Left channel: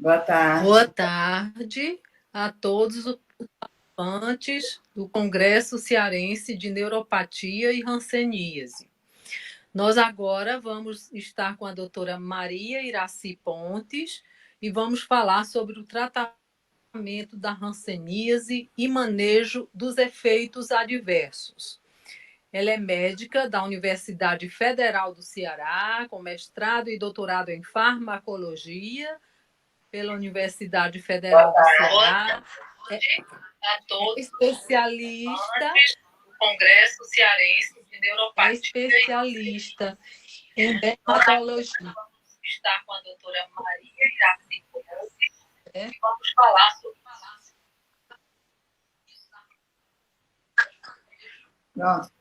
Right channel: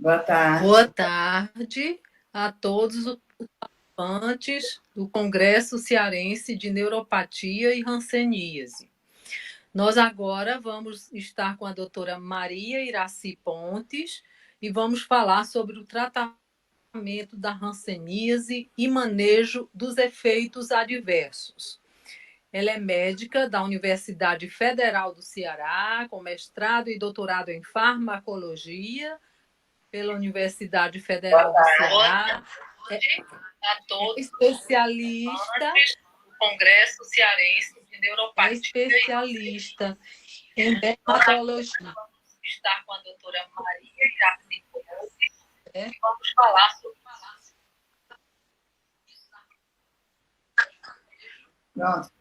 Boa tarde. Boa tarde a todos os participantes do Congresso Cearense de Neuropatia e Hanseníase. Nós agora vamos estar com a doutora Maria Iraci Pontes e vamos falar sobre o tratamento da hanseníase e manejo dos efeitos adversos. Ela é médica da Universidade Federal do Ceará, com mestrado e doutorado em farmacologia pela Universidade Federal do Ceará. A todos Especialista, do Congresso Cearense de é Neuropatia. especialista em dermatologia. Está com a doutora Maria Iraci Pontes É. e vamos falar sobre. Nossa.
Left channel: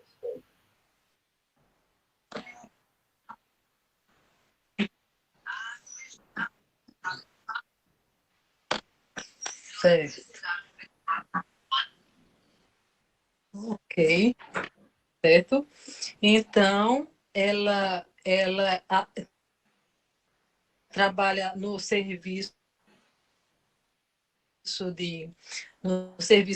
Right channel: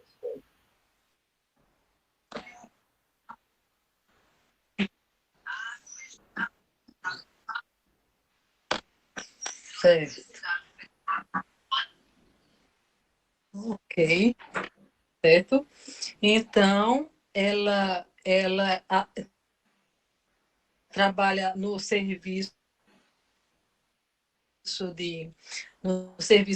Certo. Ok, certo. Então, ela trabalha no serviço de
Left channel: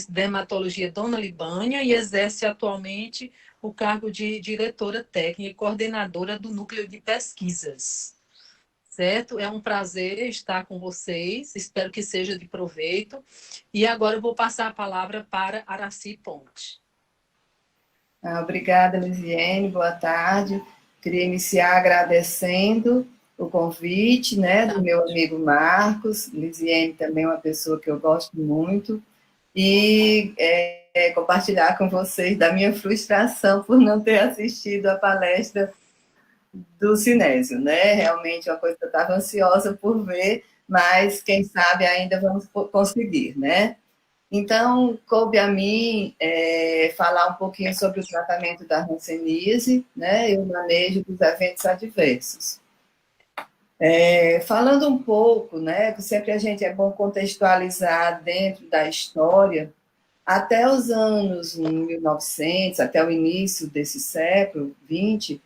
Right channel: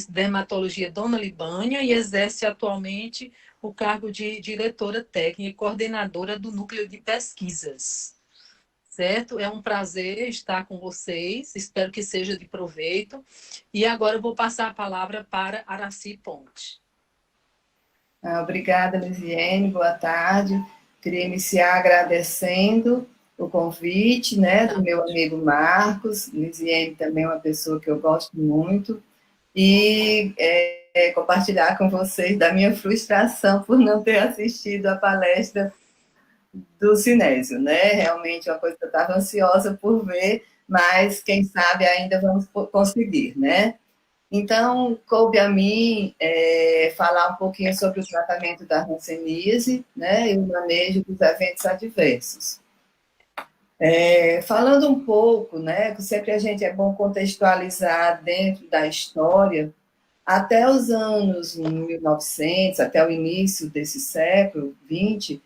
dermatologia Dona Libânia e exerce atualmente o cargo de diretora técnica e coordenadora do núcleo de pesquisas. Certo? É um prazer estar com vocês, espero que seja de proveito. E agora eu vou passar a palavra para Araci Ponte. Obrigada, Lisiane, boa tarde. Queria iniciar agradecendo o convite, né, do meu amigo Marcos. Lisiane também é uma pessoa que eu gosto muito. E compartilhar com vocês da minha frustração por não ter assistido a palestra do Sinésio, né? Realmente uma coisa que eu estava ansiosa por ver, mas quem sabe ainda vamos conseguir, né? Então, coube a mim falar um pouquinho sobre o tratamento da hanseníase, né, e o manejo dos eventos adversos. Falando um pouco, né, que sempre a gente é bom contextualizar dentro da história, até os anos 1900, até o início desse século XX,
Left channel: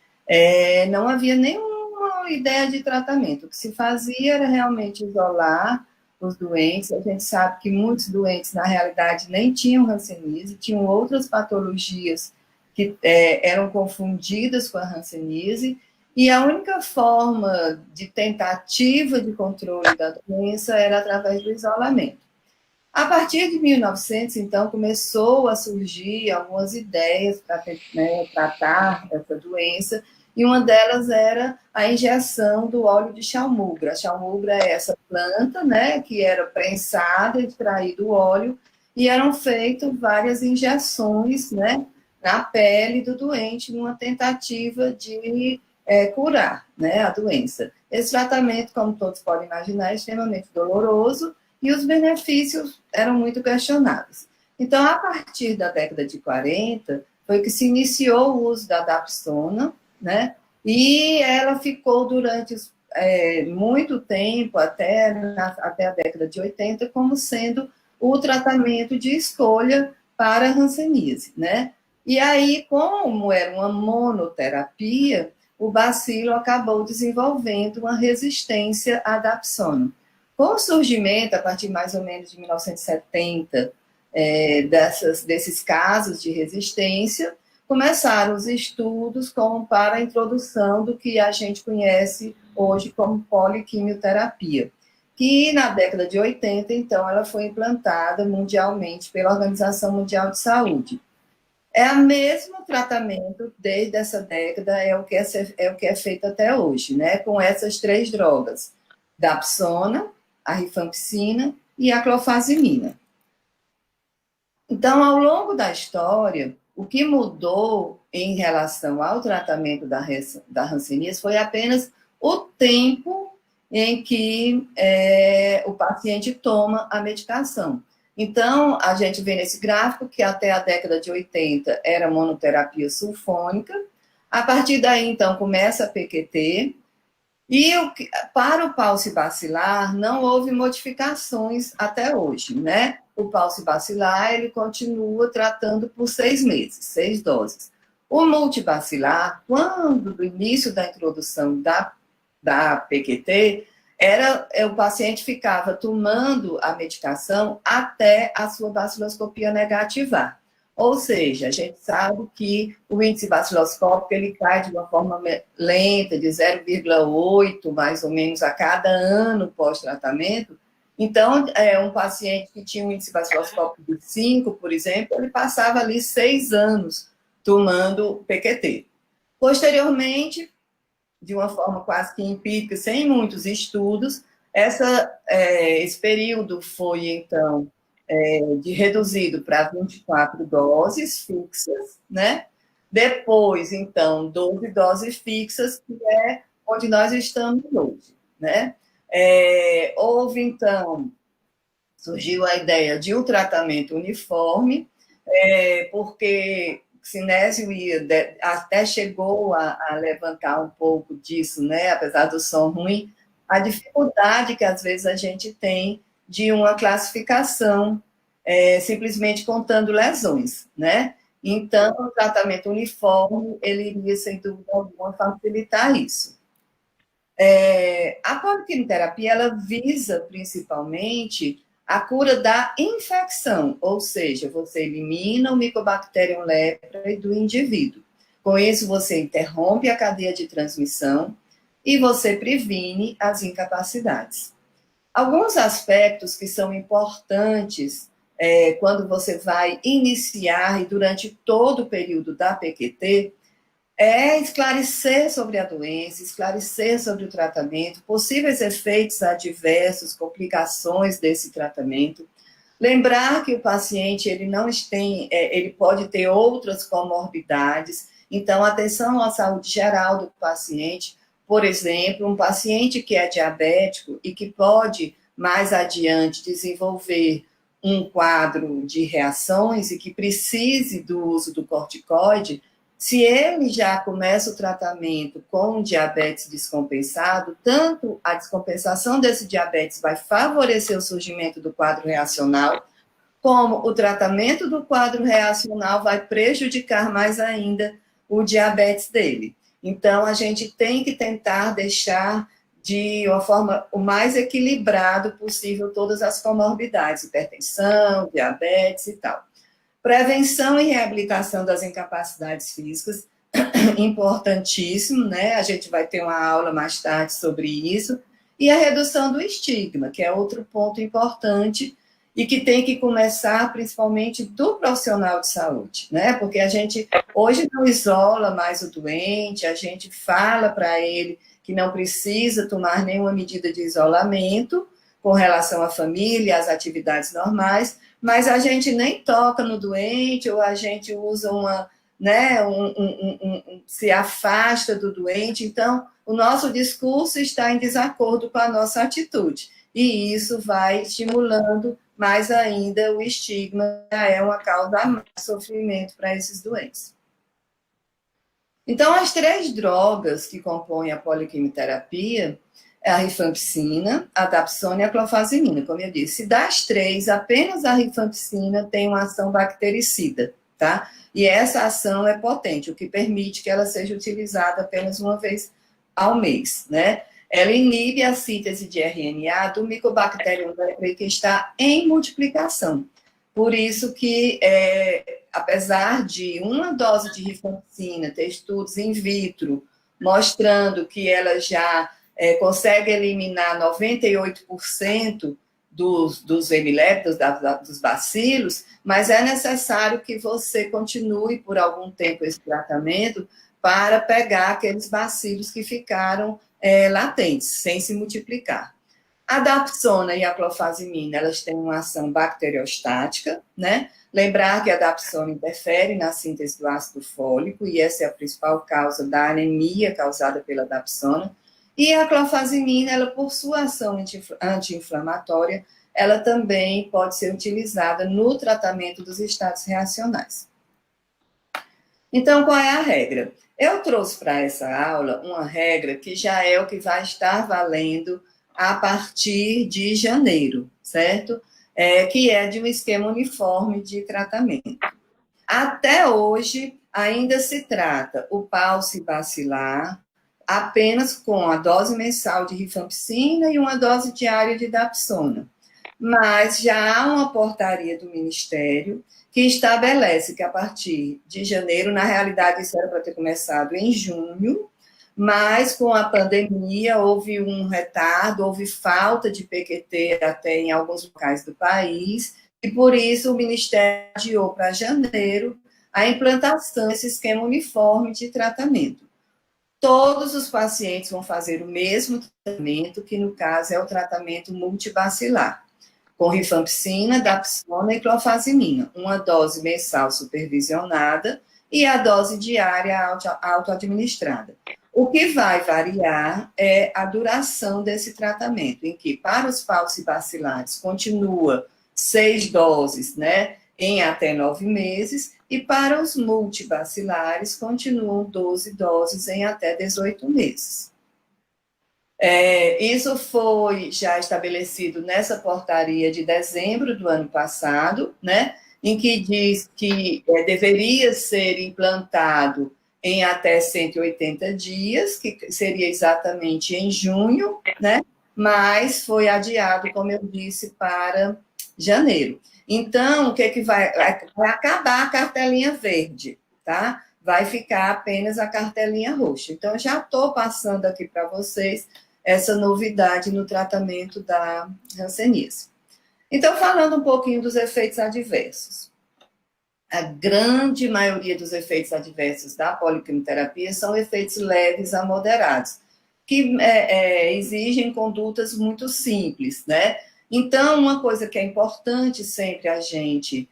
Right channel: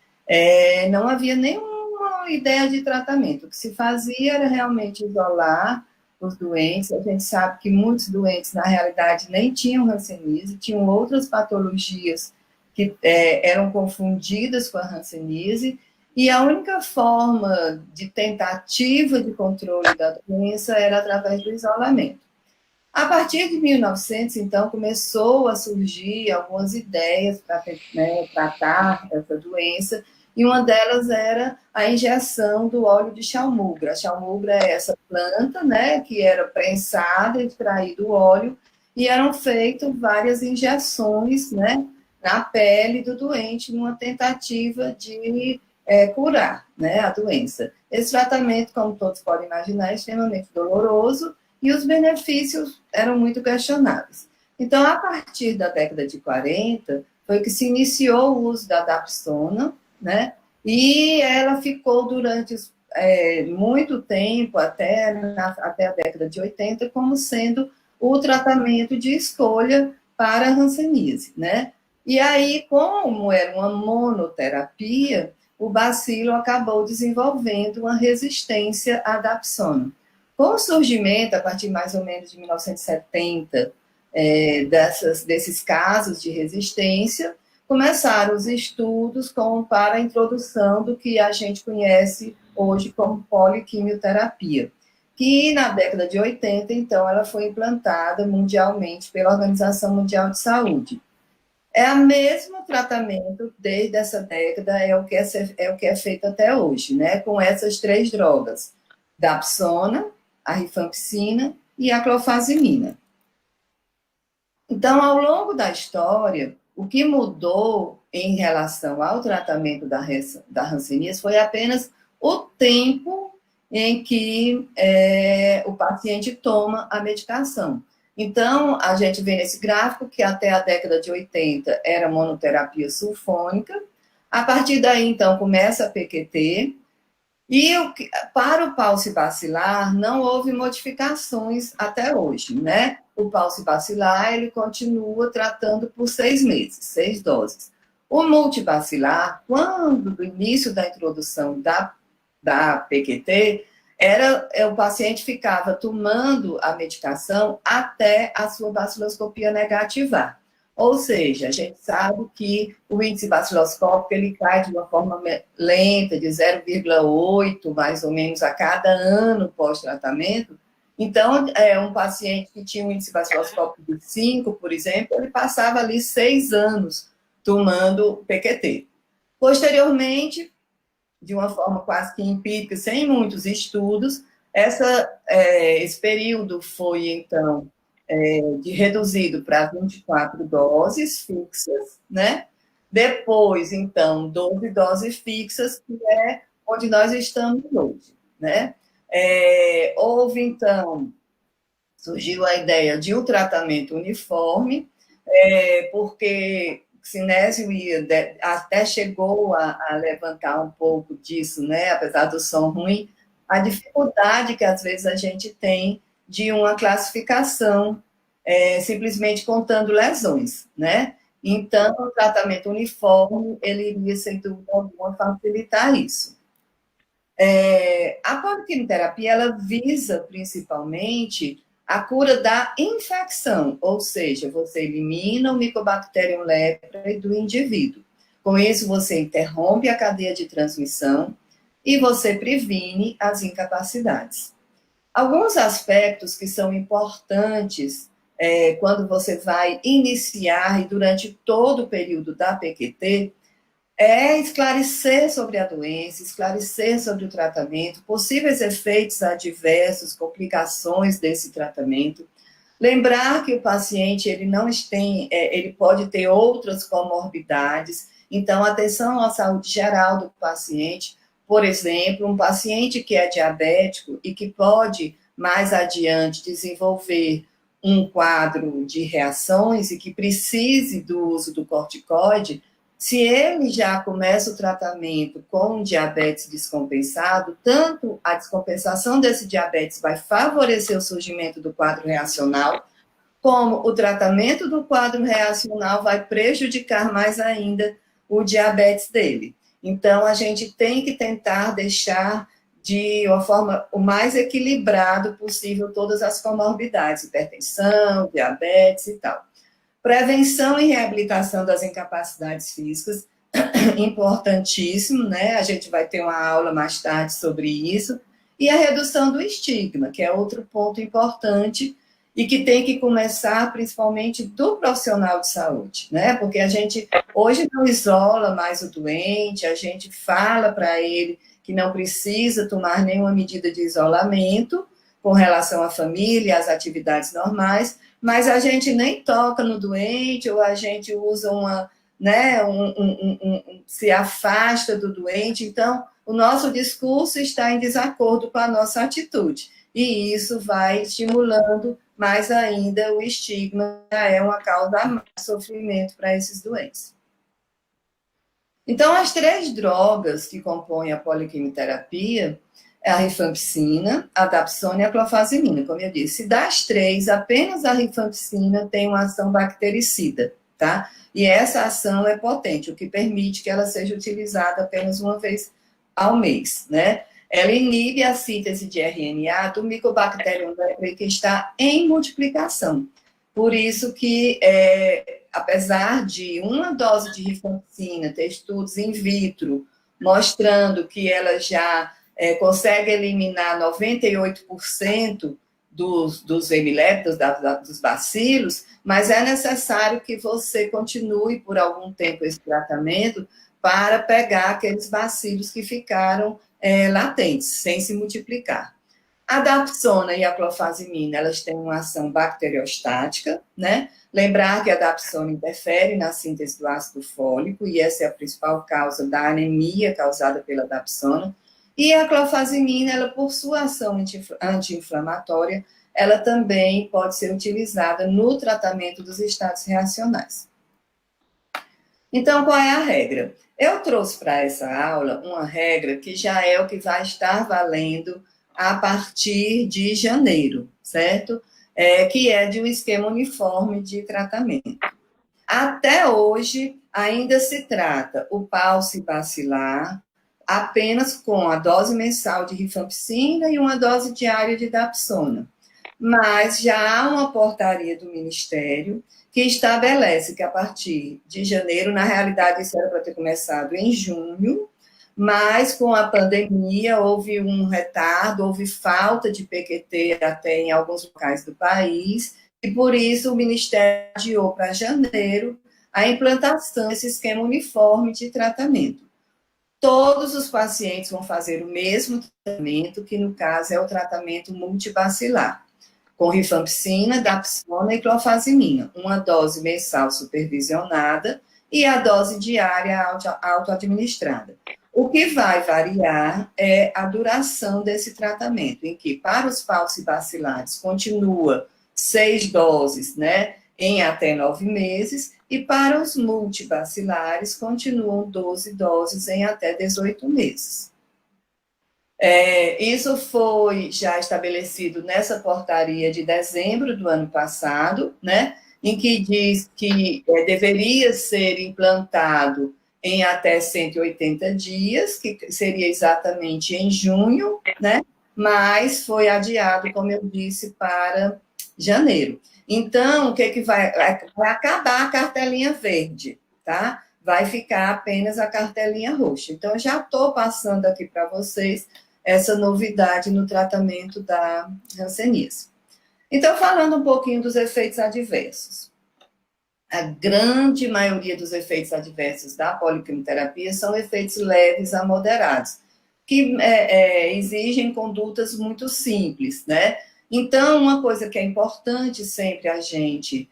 não havia nenhuma ideia de tratamento. O que se fazia era realmente isolar os doentes. A gente sabe que muitos doentes, na realidade, nem tinham hanseníase, tinham outras patologias que eram confundidas com a hanseníase, e a única forma de tentativa de controle da doença era através do isolamento. A partir de 1900, então, começou a surgir algumas ideias para tratar essa doença, e uma delas era a injeção do óleo de chalmugra. A chalmugra é essa planta, né, que era prensada, extraído o óleo, e eram feitas várias injeções, né, na pele do doente, numa tentativa de curar, né, a doença. Esse tratamento, como todos podem imaginar, é extremamente doloroso, e os benefícios eram muito questionados. Então, a partir da década de 40, foi que se iniciou o uso da dapsona, né? E ela ficou durante muito tempo, até a década de 80, como sendo o tratamento de escolha para a hanseníase, né? E aí, como era uma monoterapia, o bacilo acabou desenvolvendo uma resistência à dapsona. Com o surgimento, a partir mais ou menos de 1970, desses casos de resistência, começaram os estudos para a introdução do que a gente conhece hoje como poliquimioterapia, que na década de 80, então, ela foi implantada mundialmente pela Organização Mundial de Saúde. É o mesmo tratamento desde essa década, é o que é feito até hoje, né? Com essas três drogas, dapsona, a rifampicina e a clofazimina. Então, ao longo da história, o que mudou em relação ao tratamento da hanseníase foi apenas o tempo em que o paciente toma a medicação. Então, a gente vê nesse gráfico que até a década de 80 era monoterapia sulfônica. A partir daí, então, começa a PQT, e para o paucibacilar não houve modificações até hoje, né? O paucibacilar, ele continua tratando por 6 meses, 6 doses. O multibacilar, quando do início da introdução da PQT, o paciente ficava tomando a medicação até a sua baciloscopia negativar. Ou seja, a gente sabe que o índice baciloscópico ele cai de uma forma lenta, de 0,8 mais ou menos a cada ano pós-tratamento. Então, um paciente que tinha um índice baciloscópico de 5, por exemplo, ele passava ali 6 anos tomando PQT. Posteriormente, de uma forma quase que empírica, sem muitos estudos, esse período foi, então, reduzido para 24 doses fixas, né? Depois, então, 12 doses fixas, que é onde nós estamos hoje, né? Houve, então, surgiu a ideia de um tratamento uniforme, porque Sinésio até chegou a levantar um pouco disso, né? Apesar do som ruim, a dificuldade que às vezes a gente tem de uma classificação simplesmente contando lesões, né? Então, o tratamento uniforme, ele iria, sem dúvida alguma, facilitar isso. A poliquimioterapia, ela visa, principalmente, a cura da infecção, ou seja, você elimina o Mycobacterium leprae do indivíduo. Com isso, você interrompe a cadeia de transmissão e você previne as incapacidades. Alguns aspectos que são importantes quando você vai iniciar e durante todo o período da PQT é esclarecer sobre a doença, esclarecer sobre o tratamento, possíveis efeitos adversos, complicações desse tratamento. Lembrar que o paciente ele pode ter outras comorbidades, então atenção à saúde geral do paciente. Por exemplo, um paciente que é diabético e que pode mais adiante desenvolver um quadro de reações e que precise do uso do corticoide, se ele já começa o tratamento com diabetes descompensado, tanto a descompensação desse diabetes vai favorecer o surgimento do quadro reacional, como o tratamento do quadro reacional vai prejudicar mais ainda o diabetes dele. Então, a gente tem que tentar deixar de uma forma o mais equilibrado possível todas as comorbidades, hipertensão, diabetes e tal. Prevenção e reabilitação das incapacidades físicas, importantíssimo, né? A gente vai ter uma aula mais tarde sobre isso. E a redução do estigma, que é outro ponto importante e que tem que começar principalmente do profissional de saúde, né? Porque a gente hoje não isola mais o doente, a gente fala para ele que não precisa tomar nenhuma medida de isolamento com relação à família, às atividades normais, mas a gente nem toca no doente, ou a gente usa se afasta do doente. Então, o nosso discurso está em desacordo com a nossa atitude. E isso vai estimulando mais ainda o estigma, é uma causa de sofrimento para esses doentes. Então, as 3 drogas que compõem a poliquimioterapia é a rifampicina, a dapsona e a clofazimina. Como eu disse, das 3, apenas a rifampicina tem uma ação bactericida, tá? E essa ação é potente, o que permite que ela seja utilizada apenas uma vez ao mês, né? Ela inibe a síntese de RNA do Mycobacterium leprae que está em multiplicação. Por isso que, apesar de uma dose de rifampicina ter estudos in vitro mostrando que ela já consegue eliminar 98% dos hemiléptos, dos bacilos, mas é necessário que você continue por algum tempo esse tratamento para pegar aqueles bacilos que ficaram latentes, sem se multiplicar. A dapsona e a clofazimina, elas têm uma ação bacteriostática, né? Lembrar que a dapsona interfere na síntese do ácido fólico, e essa é a principal causa da anemia causada pela dapsona. E a clofazimina, ela, por sua ação anti-inflamatória, ela também pode ser utilizada no tratamento dos estados reacionais. Então, qual é a regra? Eu trouxe para essa aula uma regra que já é o que vai estar valendo a partir de janeiro, certo? Que é de um esquema uniforme de tratamento. Até hoje, ainda se trata o pulse bacilar apenas com a dose mensal de rifampicina e uma dose diária de dapsona. Mas já há uma portaria do Ministério que estabelece que a partir de janeiro, na realidade isso era para ter começado em junho, mas com a pandemia houve um retardo, houve falta de PQT até em alguns locais do país, e por isso o Ministério adiou para janeiro a implantação desse esquema uniforme de tratamento. Todos os pacientes vão fazer o mesmo tratamento, que no caso é o tratamento multibacilar, com rifampicina, dapsona e clofazimina, uma dose mensal supervisionada e a dose diária auto-administrada. O que vai variar é a duração desse tratamento, em que para os falcibacilares continua 6 doses, né, em até 9 meses, e para os multibacilares continuam 12 doses em até 18 meses. Isso foi já estabelecido nessa portaria de dezembro do ano passado, né, em que diz que deveria ser implantado em até 180 dias, que seria exatamente em junho, né, mas foi adiado, como eu disse, para janeiro. Então, o que vai acabar a cartelinha verde, tá? Vai ficar apenas a cartelinha roxa. Então, eu já estou passando aqui para vocês essa novidade no tratamento da hanseníase. Então, falando um pouquinho dos efeitos adversos. A grande maioria dos efeitos adversos da poliquimioterapia são efeitos leves a moderados, que exigem condutas muito simples, né? Então, uma coisa que é importante sempre a gente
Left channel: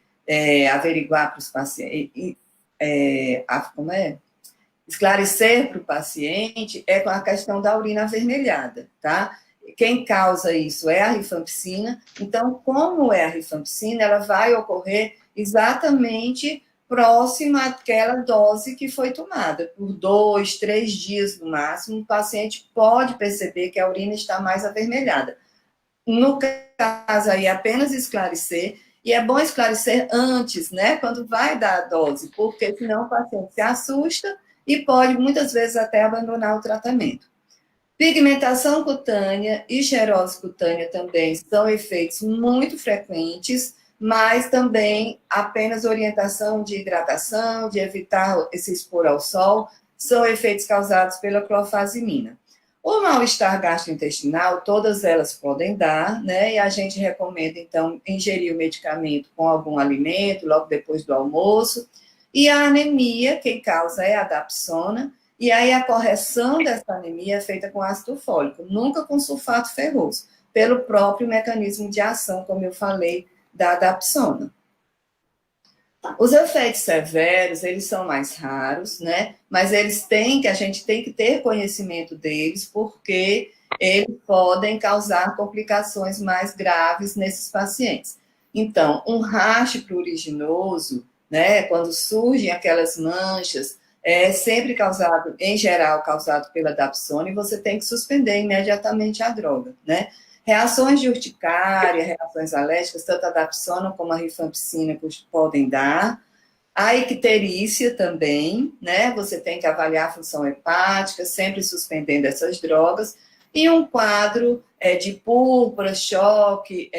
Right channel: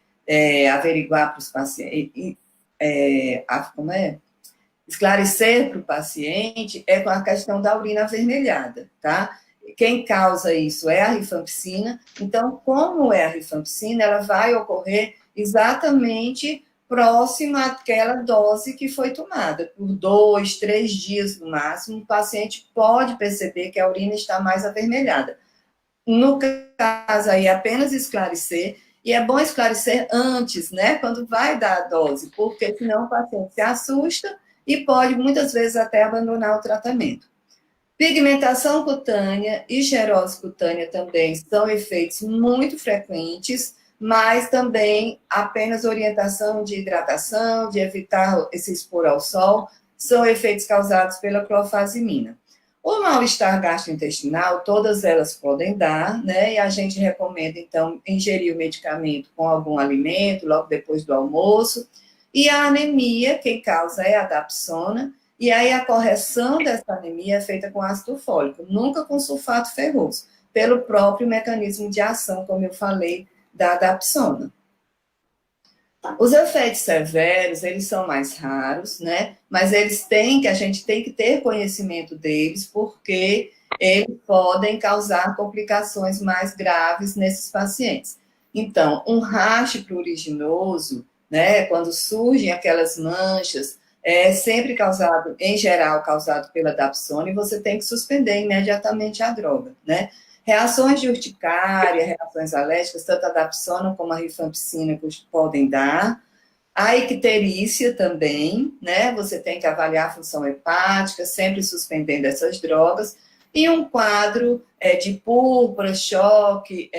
averiguar para os pacientes, esclarecer para o paciente é com a questão da urina avermelhada, tá? Quem causa isso é a rifampicina. Então, como é a rifampicina, ela vai ocorrer exatamente próxima àquela dose que foi tomada. Por 2, 3 dias no máximo, o paciente pode perceber que a urina está mais avermelhada. No caso aí, apenas esclarecer, e é bom esclarecer antes, né, quando vai dar a dose, porque senão o paciente se assusta e pode, muitas vezes, até abandonar o tratamento. Pigmentação cutânea e xerose cutânea também são efeitos muito frequentes, mas também apenas orientação de hidratação, de evitar se expor ao sol, são efeitos causados pela clofazimina. O mal-estar gastrointestinal, todas elas podem dar, né? E a gente recomenda, então, ingerir o medicamento com algum alimento, logo depois do almoço. E a anemia, quem causa é a dapsona, e aí a correção dessa anemia é feita com ácido fólico, nunca com sulfato ferroso, pelo próprio mecanismo de ação, como eu falei, da dapsona. Os efeitos severos, eles são mais raros, né? Mas a gente tem que ter conhecimento deles, porque eles podem causar complicações mais graves nesses pacientes. Então, um rash pruriginoso, né? Quando surgem aquelas manchas, é sempre causado, em geral, causado pela dapsona, e você tem que suspender imediatamente a droga, né? Reações de urticária, reações alérgicas, tanto a dapsona como a rifampicina podem dar. A icterícia também, né? Você tem que avaliar a função hepática, sempre suspendendo essas drogas. E um quadro de púrpura, choque,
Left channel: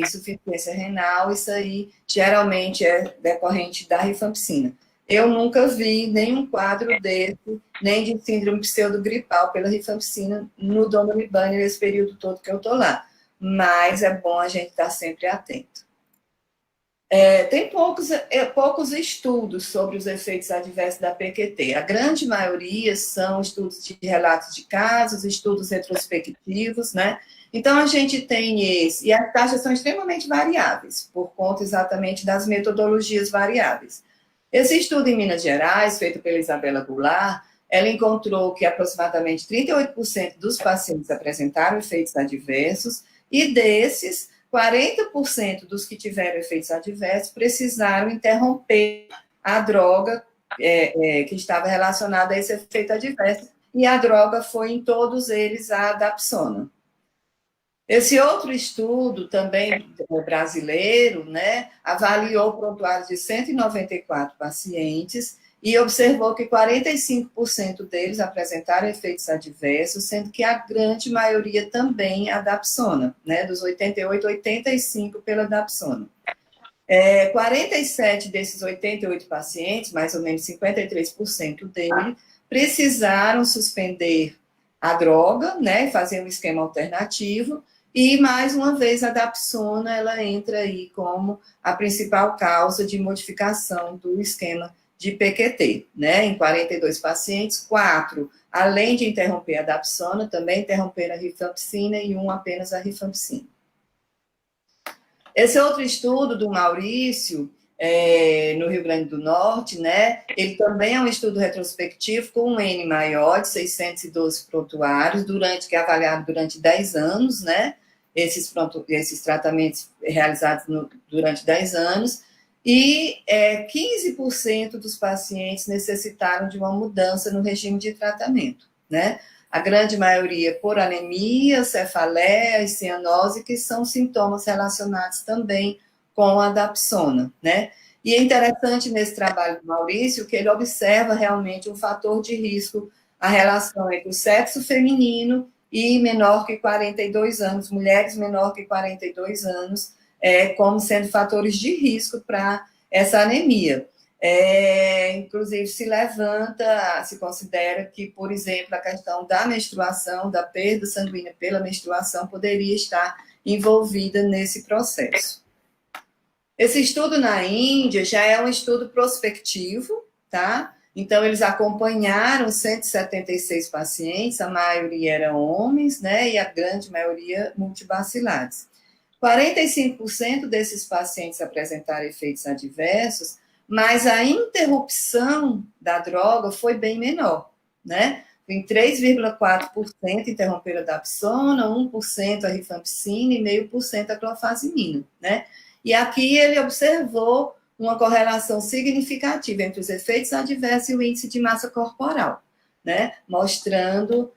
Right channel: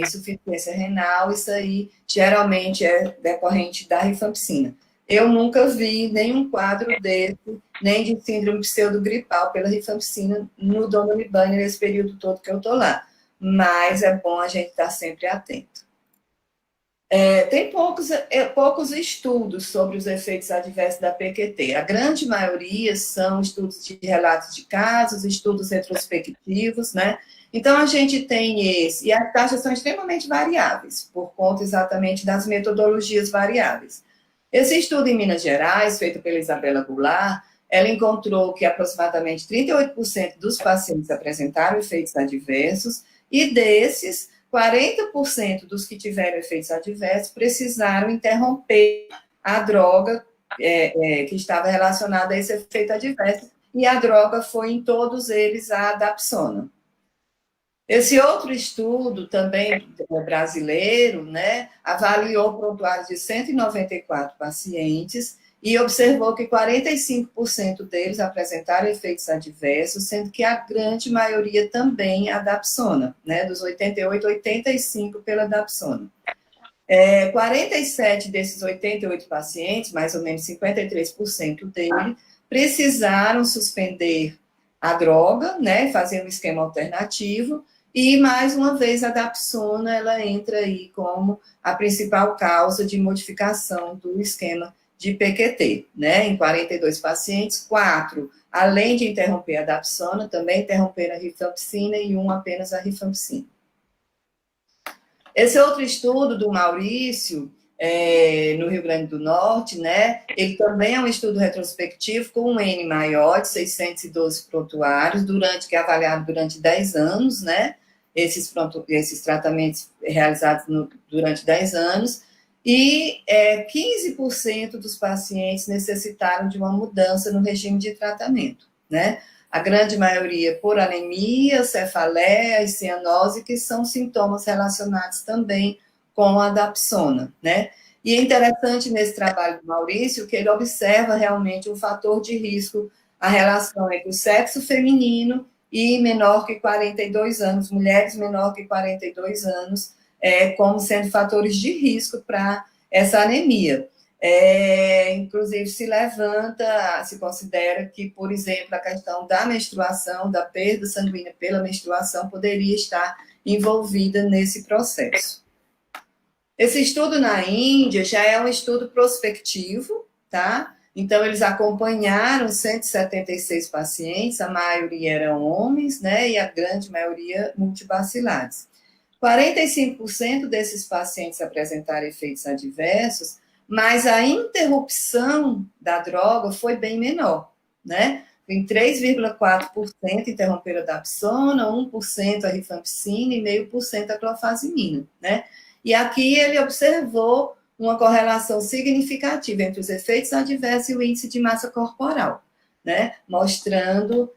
insuficiência renal, isso aí geralmente é decorrente da rifampicina. Eu nunca vi nenhum quadro desse, nem de síndrome pseudogripal pela rifampicina no Domolibane nesse período todo que eu estou lá. Mas é bom a gente estar sempre atento. Tem poucos estudos sobre os efeitos adversos da PQT. A grande maioria são estudos de relatos de casos, estudos retrospectivos, né? Então, a gente tem esse, e as taxas são extremamente variáveis, por conta exatamente das metodologias variáveis. Esse estudo em Minas Gerais, feito pela Isabela Goulart, ela encontrou que aproximadamente 38% dos pacientes apresentaram efeitos adversos, e desses, 40% dos que tiveram efeitos adversos precisaram interromper a droga que estava relacionada a esse efeito adverso, e a droga foi, em todos eles, a dapsona. Esse outro estudo, também brasileiro, né, avaliou prontuários de 194 pacientes e observou que 45% deles apresentaram efeitos adversos, sendo que a grande maioria também a dapsona, né? Dos 88, 85 pela dapsona. 47 desses 88 pacientes, mais ou menos 53% deles, precisaram suspender a droga, né? Fazer um esquema alternativo, e, mais uma vez, a dapsona, ela entra aí como a principal causa de modificação do esquema de PQT, né? Em 42 pacientes, 4, além de interromper a dapsona, também interromperam a rifampicina e um apenas a rifampicina. Esse outro estudo do Maurício, no Rio Grande do Norte, né? Ele também é um estudo retrospectivo com um N maior, de 612 prontuários, que é avaliado durante 10 anos, né? Esses tratamentos realizados durante 10 anos, e 15% dos pacientes necessitaram de uma mudança no regime de tratamento, né? A grande maioria por anemia, cefaleia e cianose, que são sintomas relacionados também com a dapsona, né? E é interessante nesse trabalho do Maurício que ele observa realmente um fator de risco, a relação entre o sexo feminino e menor que 42 anos, mulheres menor que 42 anos, como sendo fatores de risco para essa anemia. Inclusive se considera que, por exemplo, a questão da menstruação, da perda sanguínea pela menstruação, poderia estar envolvida nesse processo. Esse estudo na Índia já é um estudo prospectivo, tá? Então, eles acompanharam 176 pacientes, a maioria eram homens, né? E a grande maioria multibacilares. 45% desses pacientes apresentaram efeitos adversos, mas a interrupção da droga foi bem menor, né? Em 3,4% interromperam a dapsona, 1% a rifampicina e 0,5% a clofazimina, né? E aqui ele observou uma correlação significativa entre os efeitos adversos e o índice de massa corporal, né? Mostrando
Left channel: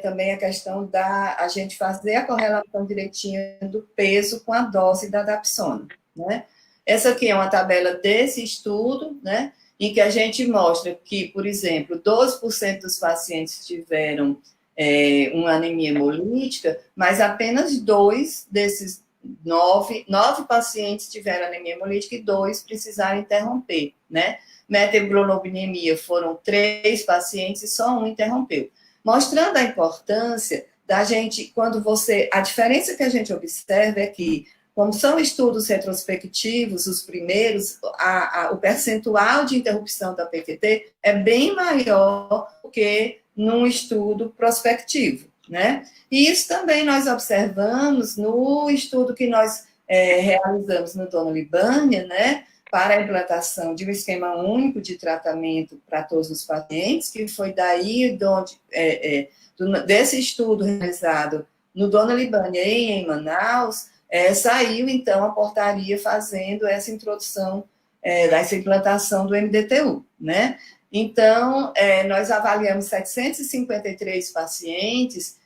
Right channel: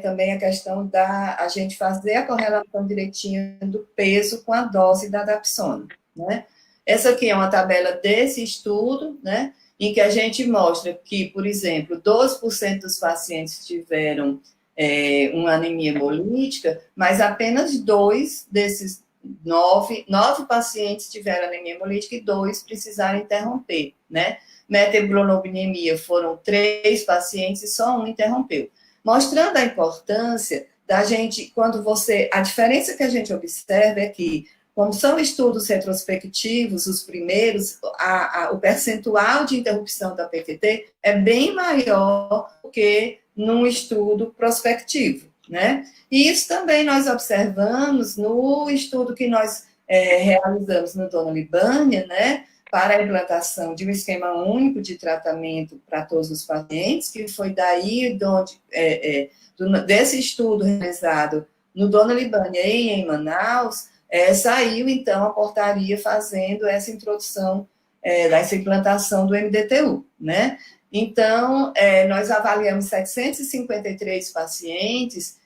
também a questão da a gente fazer a correlação direitinha do peso com a dose da dapsona, né? Essa aqui é uma tabela desse estudo, né? Em que a gente mostra que, por exemplo, 12% dos pacientes tiveram uma anemia hemolítica, mas apenas 2 desses 9 pacientes tiveram anemia hemolítica e 2 precisaram interromper, né? Metaglobulemiia foram 3 pacientes e só um interrompeu. Mostrando a importância da gente, a diferença que a gente observa é que, como são estudos retrospectivos, os primeiros, o percentual de interrupção da PQT é bem maior do que num estudo prospectivo, né? E isso também nós observamos no estudo que nós realizamos no Dona Libânia, né? Para a implantação de um esquema único de tratamento para todos os pacientes, que foi daí desse estudo realizado no Dona Libânia e em Manaus, saiu, então, a portaria fazendo essa introdução, dessa implantação do MDTU, né? Então, nós avaliamos 753 pacientes,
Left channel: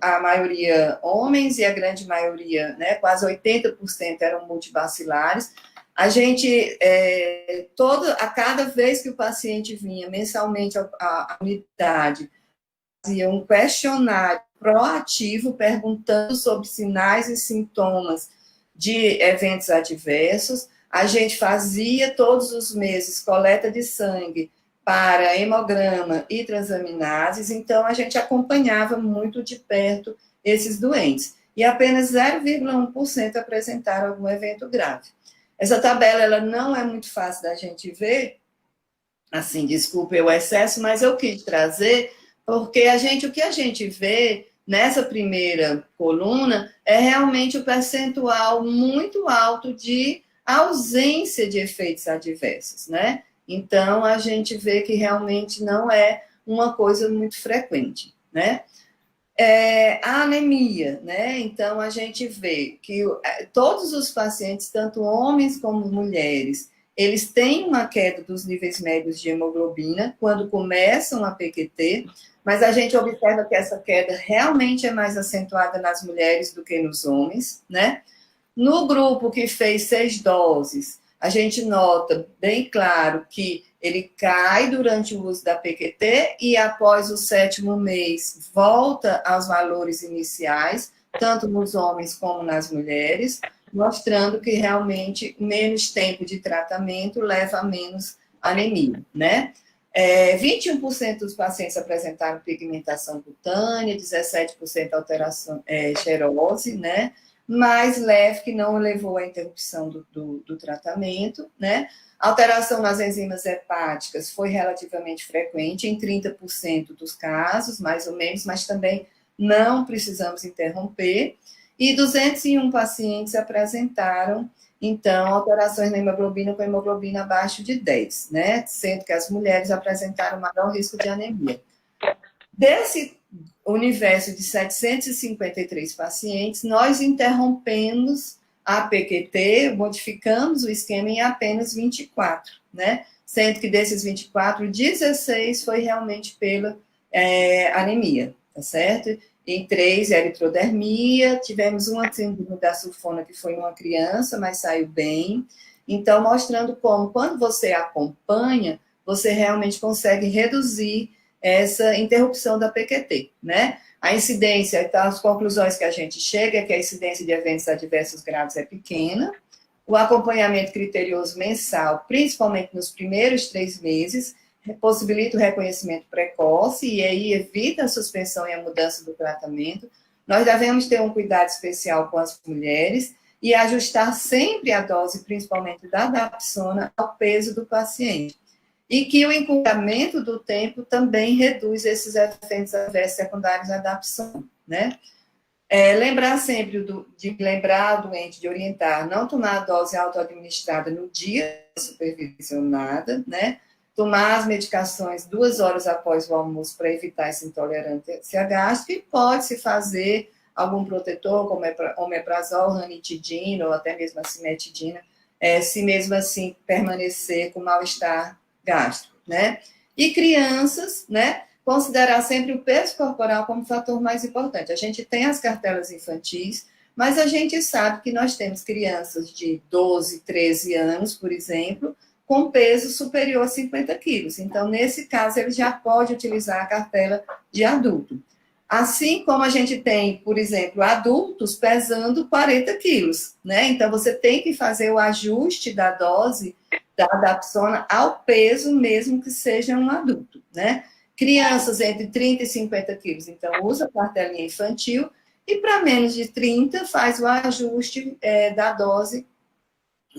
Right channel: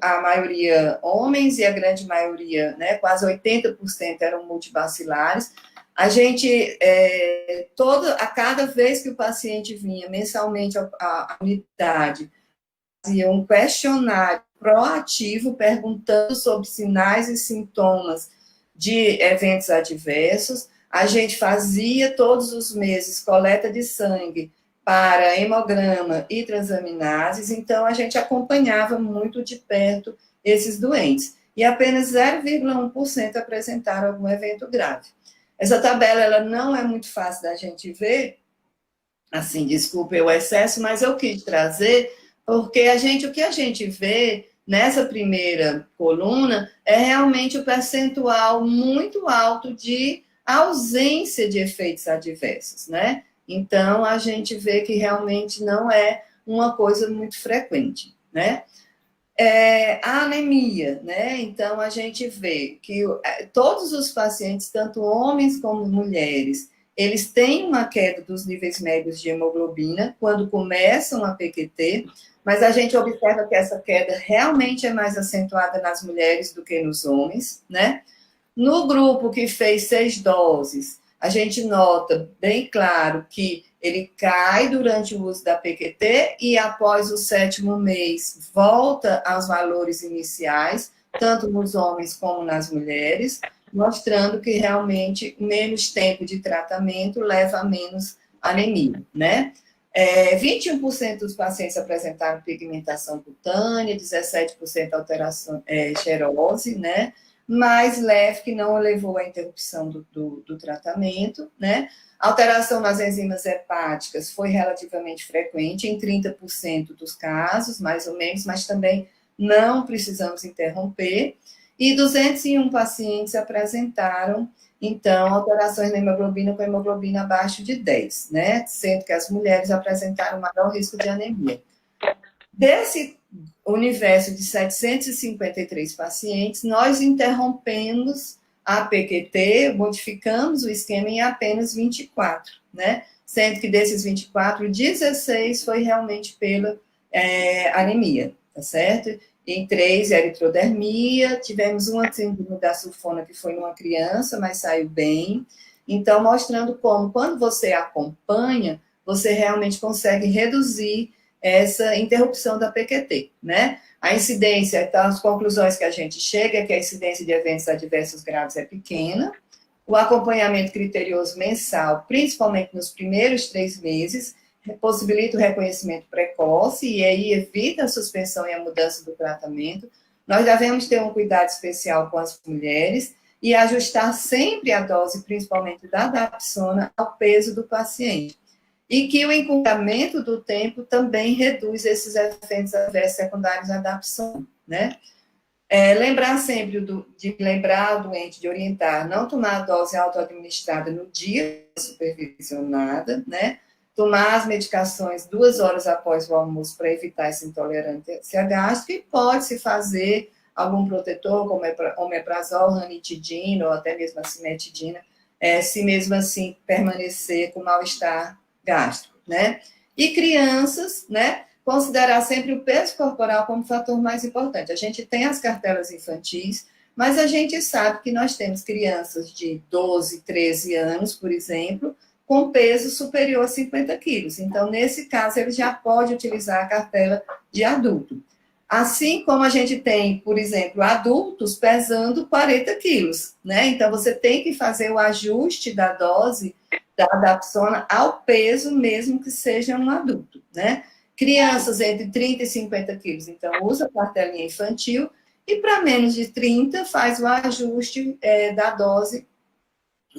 a maioria homens e a grande maioria, né, quase 80% eram multibacilares. A gente, a cada vez que o paciente vinha mensalmente à unidade, fazia um questionário proativo perguntando sobre sinais e sintomas de eventos adversos. A gente fazia todos os meses coleta de sangue para hemograma e transaminases, então a gente acompanhava muito de perto esses doentes. E apenas 0,1% apresentaram algum evento grave. Essa tabela ela não é muito fácil da gente ver, assim, desculpe o excesso, mas eu quis trazer, porque o que a gente vê nessa primeira coluna é realmente o percentual muito alto de ausência de efeitos adversos, né? Então, a gente vê que realmente não é uma coisa muito frequente, né? A anemia, né? Então, a gente vê que todos os pacientes, tanto homens como mulheres, eles têm uma queda dos níveis médios de hemoglobina quando começam a PQT, mas a gente observa que essa queda realmente é mais acentuada nas mulheres do que nos homens, né? No grupo que fez 6 doses, a gente nota bem claro que ele cai durante o uso da PQT e após o 7º mês volta aos valores iniciais, tanto nos homens como nas mulheres, mostrando que realmente menos tempo de tratamento leva a menos anemia, né? 21% dos pacientes apresentaram pigmentação cutânea, 17% alteração, xerose, né? Mais leve, que não levou à interrupção do tratamento, né? Alteração nas enzimas hepáticas foi relativamente frequente, em 30% dos casos, mais ou menos, mas também não precisamos interromper. E 201 pacientes apresentaram, então, alterações na hemoglobina com hemoglobina abaixo de 10, né? Sendo que as mulheres apresentaram maior risco de anemia. Desse universo de 753 pacientes, nós interrompemos a PQT, modificamos o esquema em apenas 24, né? Sendo que desses 24, 16 foi realmente pela anemia, tá certo? Em 3, eritrodermia, tivemos uma síndrome da sulfona que foi numa criança, mas saiu bem. Então, mostrando como, quando você acompanha, você realmente consegue reduzir essa interrupção da PQT, né? A incidência, então, as conclusões que a gente chega é que a incidência de eventos adversos graves é pequena, o acompanhamento criterioso mensal, principalmente nos primeiros 3 meses, possibilita o reconhecimento precoce e aí evita a suspensão e a mudança do tratamento. Nós devemos ter um cuidado especial com as mulheres e ajustar sempre a dose, principalmente da dapsona, ao peso do paciente. E que o encurtamento do tempo também reduz esses efeitos adversos secundários da dapsona, né? Lembrar sempre de lembrar o doente de orientar, não tomar a dose autoadministrada no dia supervisionada, né? Tomar as medicações 2 horas após o almoço para evitar essa intolerância gástrica e pode-se fazer algum protetor, como omeprazol, ranitidina ou até mesmo a cimetidina, se mesmo assim permanecer com mal-estar gástrico, né? E crianças, né? Considerar sempre o peso corporal como fator mais importante. A gente tem as cartelas infantis, mas a gente sabe que nós temos crianças de 12, 13 anos, por exemplo, com peso superior a 50 quilos. Então, nesse caso, ele já pode utilizar a cartela de adulto. Assim como a gente tem, por exemplo, adultos pesando 40 quilos, né? Então, você tem que fazer o ajuste da dose da dapsona ao peso, mesmo que seja um adulto, né? Crianças entre 30 e 50 quilos, então usa a cartelinha infantil, e para menos de 30 faz o ajuste da dose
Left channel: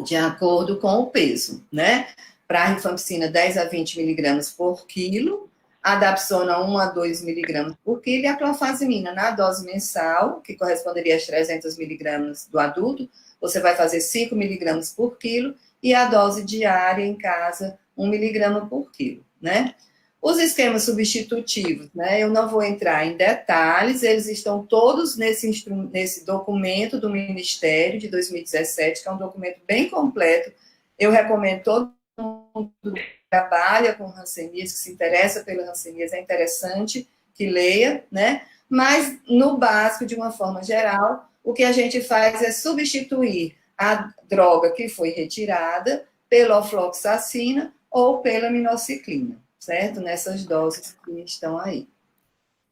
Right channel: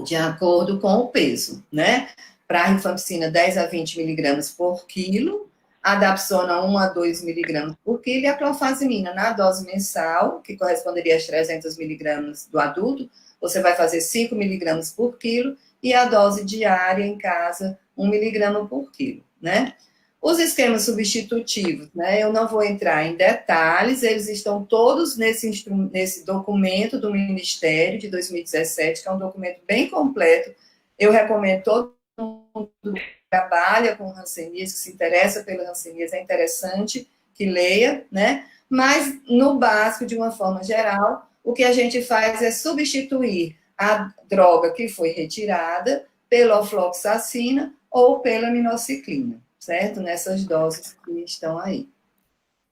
de acordo com o peso, né? Para a rifampicina, 10 a 20 miligramas por quilo, a dapsona, 1 a 2 miligramas por quilo, e a clofazimina, na dose mensal, que corresponderia às 300 miligramas do adulto, você vai fazer 5 miligramas por quilo, e a dose diária em casa, 1 miligrama por quilo, né? Os esquemas substitutivos, né? Eu não vou entrar em detalhes, eles estão todos nesse documento do Ministério de 2017, que é um documento bem completo. Eu recomendo todo mundo que trabalha com hanseníase, que se interessa pela hanseníase, é interessante que leia, né? Mas, no básico, de uma forma geral, o que a gente faz é substituir a droga que foi retirada pela ofloxacina ou pela minociclina, certo? Nessas doses que estão aí.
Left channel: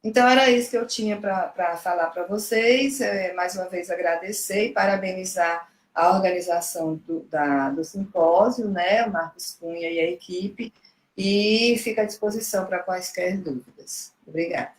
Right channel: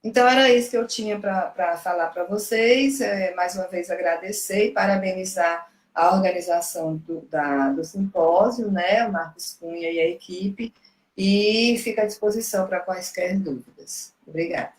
Então, era isso que eu tinha para falar para vocês. Mais uma vez, agradecer e parabenizar a organização do simpósio, né? O Marcos Cunha e a equipe, e fica à disposição para quaisquer dúvidas. Obrigada.